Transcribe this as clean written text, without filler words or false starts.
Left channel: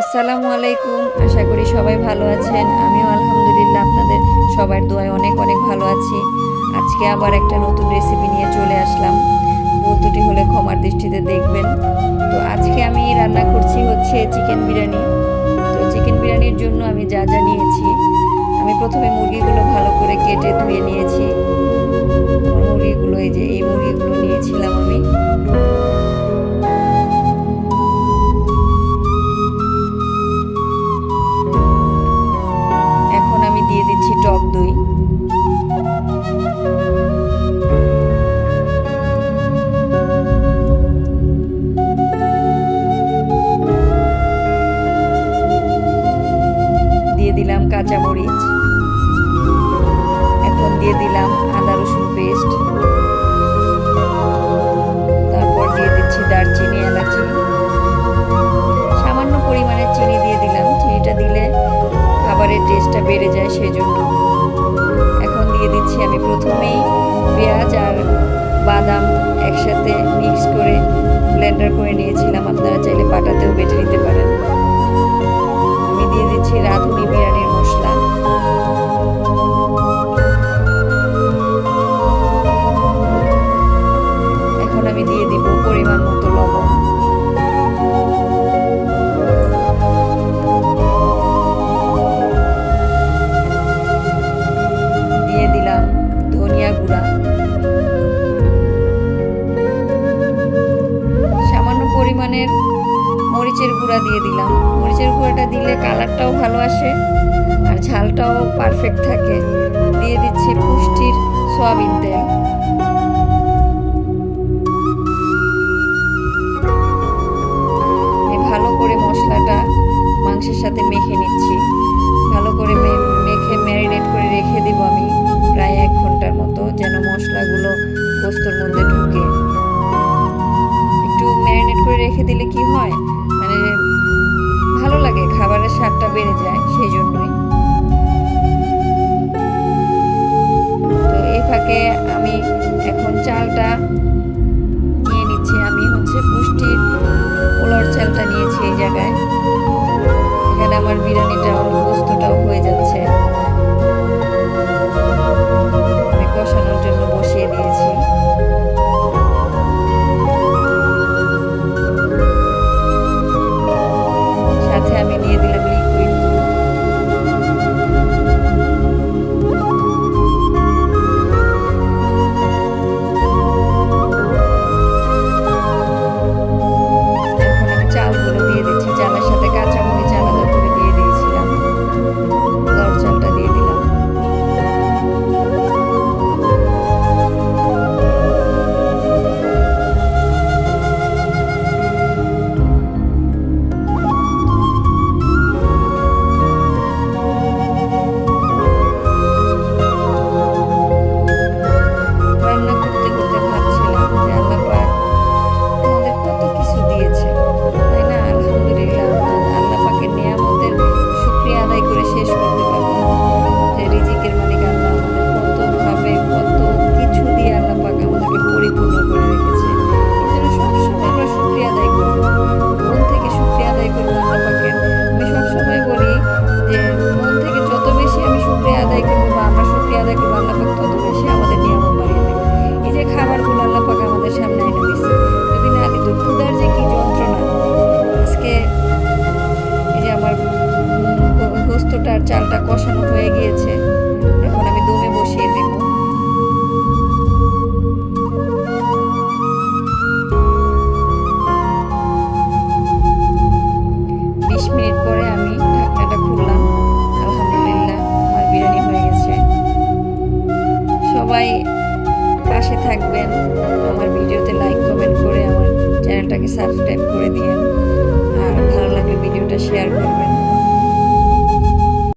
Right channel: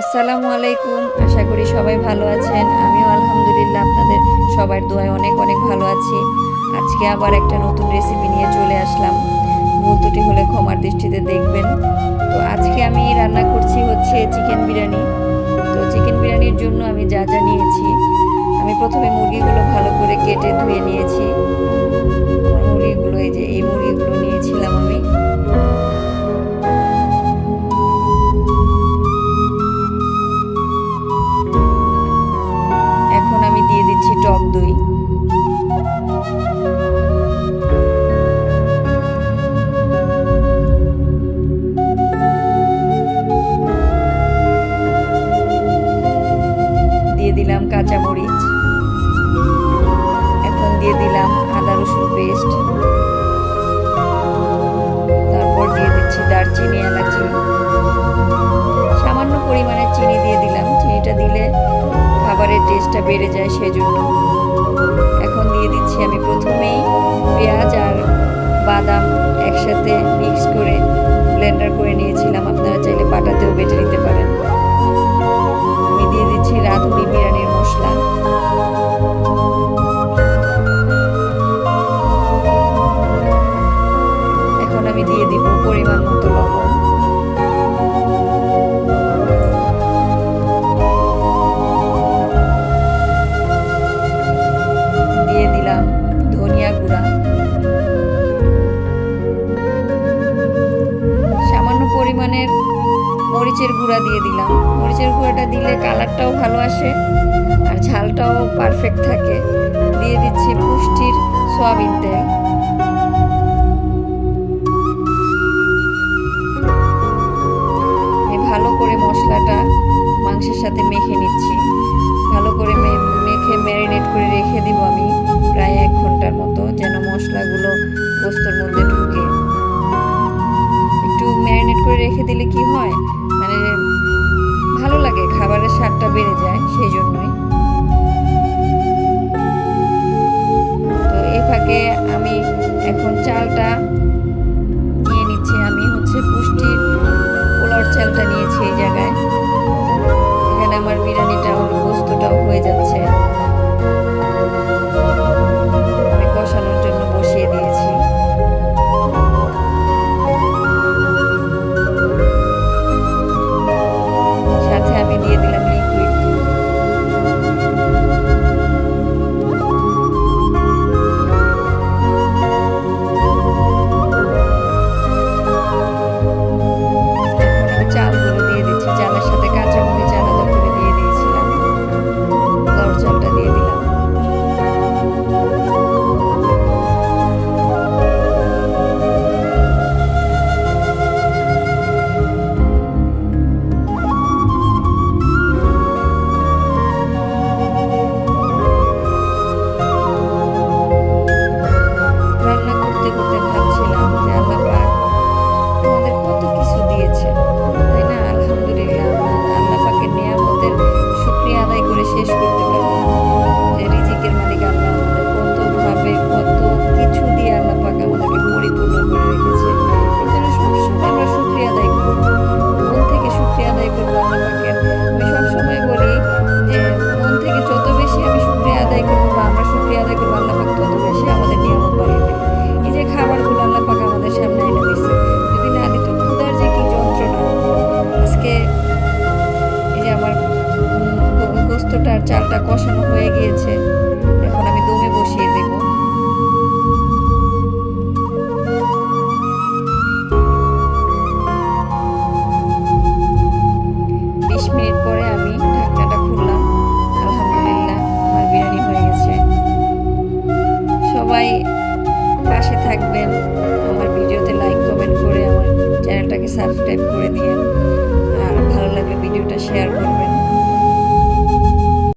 আসসালামু আলাইকুম। আশা করি সবাই ভালো আছেন। আমিও আলহামদুলিল্লাহ আপনাদের সবার দোয়ায় অনেক অনেক ভালো আছি। আজকে আবার একটা নতুন রেসিপি নিয়ে চলে আসলাম। ভুল ত্রুটি হলে ক্ষমার দৃষ্টিতে দেখবেন। তো আজকে আমি রান্না করছি হচ্ছে চিকেন বিরিয়ানি। তো চিকেন বিরিয়ানির জন্য আমি যা যা নিয়েছি, আমি প্রথমে মুরগিগুলো ভালো করে কেটে ধুয়ে নিয়েছি। আমার মুরগিগুলো এই মুরগিগুলো নিয়েছিলাম আমি। এখন আমি দিয়ে দিচ্ছি টক দই। দিয়ে দিলাম কাঁচামরিচ। এখন দিয়ে দিলাম আদা রসুন পেস্ট। তারপর দিয়ে দিচ্ছি দারচিনি, এলাচি। সামান্য পরিমাণে চিনি দিয়ে দিলাম। চিনিটা দিলে খাবারের টেস্টটা বেড়ে যায় সেজন্য। এখন দিয়ে দিচ্ছি আমি প্রথমেই পেঁয়াজ আর বাদাম একসাথে মিক্স করে ব্লেন্ডার করে নিয়েছিলাম। আপনারা চাইলে পাটাতেও বেটে নিতে পারেন। আমি দিয়ে দিচ্ছি রাঁধুনি বিরিয়ানির মশলা। এখন আমি দিয়ে দিব পরিমাণ মতো লবণ। দিয়ে দিলাম ধনিয়া গুঁড়া। সামান্য পরিমাণের মরিচের গুঁড়া দিয়ে দিলাম। মরিচের গুঁড়াটা দিলে কালারটাও ভালো আসে আর ঝালটাও পারফেক্ট থাকে। দিয়ে দিচ্ছি পুষ্টির সয়াবিন তেল। আমি ভালো করে মশলাটা মাংসের সাথে মেখে নিচ্ছি। ভালো করে মেখে ম্যারিনেট করে রেখে দিব আমি প্রায় 1 ঘন্টার মতো, যেন মশলাগুলো গোস্তর মধ্যে ঢুকে। একটু ম্যারিনেট করে রেখে দিলে কি হয়, মানে ভালো লাগে, খাবারের স্বাদটা বেড়ে যায়, সেই জন্যই। তো এই ফাঁকে আমি এখন চালটা নিয়ে নিচ্ছি। আমি হচ্ছে পুষ্টির পোলাওর চালটা নিয়েছি এই জায়গায়। এখানে আমার বিরিয়ানিটাও গোস্তটাও হয়ে যাচ্ছে। আমি কষানোর জন্য বসিয়ে দিয়েছি। সাথে আমি দিয়ে দিলাম লিকুইড দুধ। এখন আমি চালগুলো দিয়ে দিচ্ছি। চালের সাথে কাঁচামরিচ আলাদা করে দিয়ে দিয়েছিলাম। পোলাওর চালটা দিয়ে দিলাম। রান্না করতে করতে ভাবছিলাম যে আল্লাহ পাক আমাদের কত কিছু দিয়েছে, তাই না? আলহামদুলিল্লাহ, আল্লাহ পাকের নিয়ামতের শুকরিয়া আদায় করে শেষ করতে পারবো না। যে রিজিকের মালিক আল্লাহ আমাদের কতভাবে কত কিছু দিয়ে আল্লাহ পাক আমাদেরকে পরিপূর্ণ করে রেখেছে। এই জন্য সবসময় আমরা শুকরিয়া আদায় করবো, মন থেকে শুকরিয়া আদায় করবো আল্লাহ পাকের। আমি সবসময় বলি যে মন থেকে যত বেশি আমি শুকরিয়া আদায় করবো বা আমরা শুকরিয়া আদায় করবো, আল্লাহ পাক তত বেশি আমাদের নিয়ামত বাড়িয়ে দেবে। এই যে খাবারগুলো আল্লাহ পাক আমাদের সামনে এনে দিচ্ছে, যদি না দিত ক্ষুধার যে কি যন্ত্রণা। আজকে এই যে আমার গোস্তটার চালটা কষানো হয়ে গিয়েছে। এখন আমি দমে বসিয়ে দেব। 20 মিনিট পরে আমি ঢাকনাটা খুললাম। আলহামদুলিল্লাহ, আমার বিরিয়ানি হয়ে গেছে। সবাই পাশে থাকবেন, আমার ভিডিওতে লাইক কমেন্ট করে আমার চ্যানেলটাকে সাবস্ক্রাইব করে দিয়েন, আর ভালো লাগলে ভিডিওটা শেয়ার করবেন।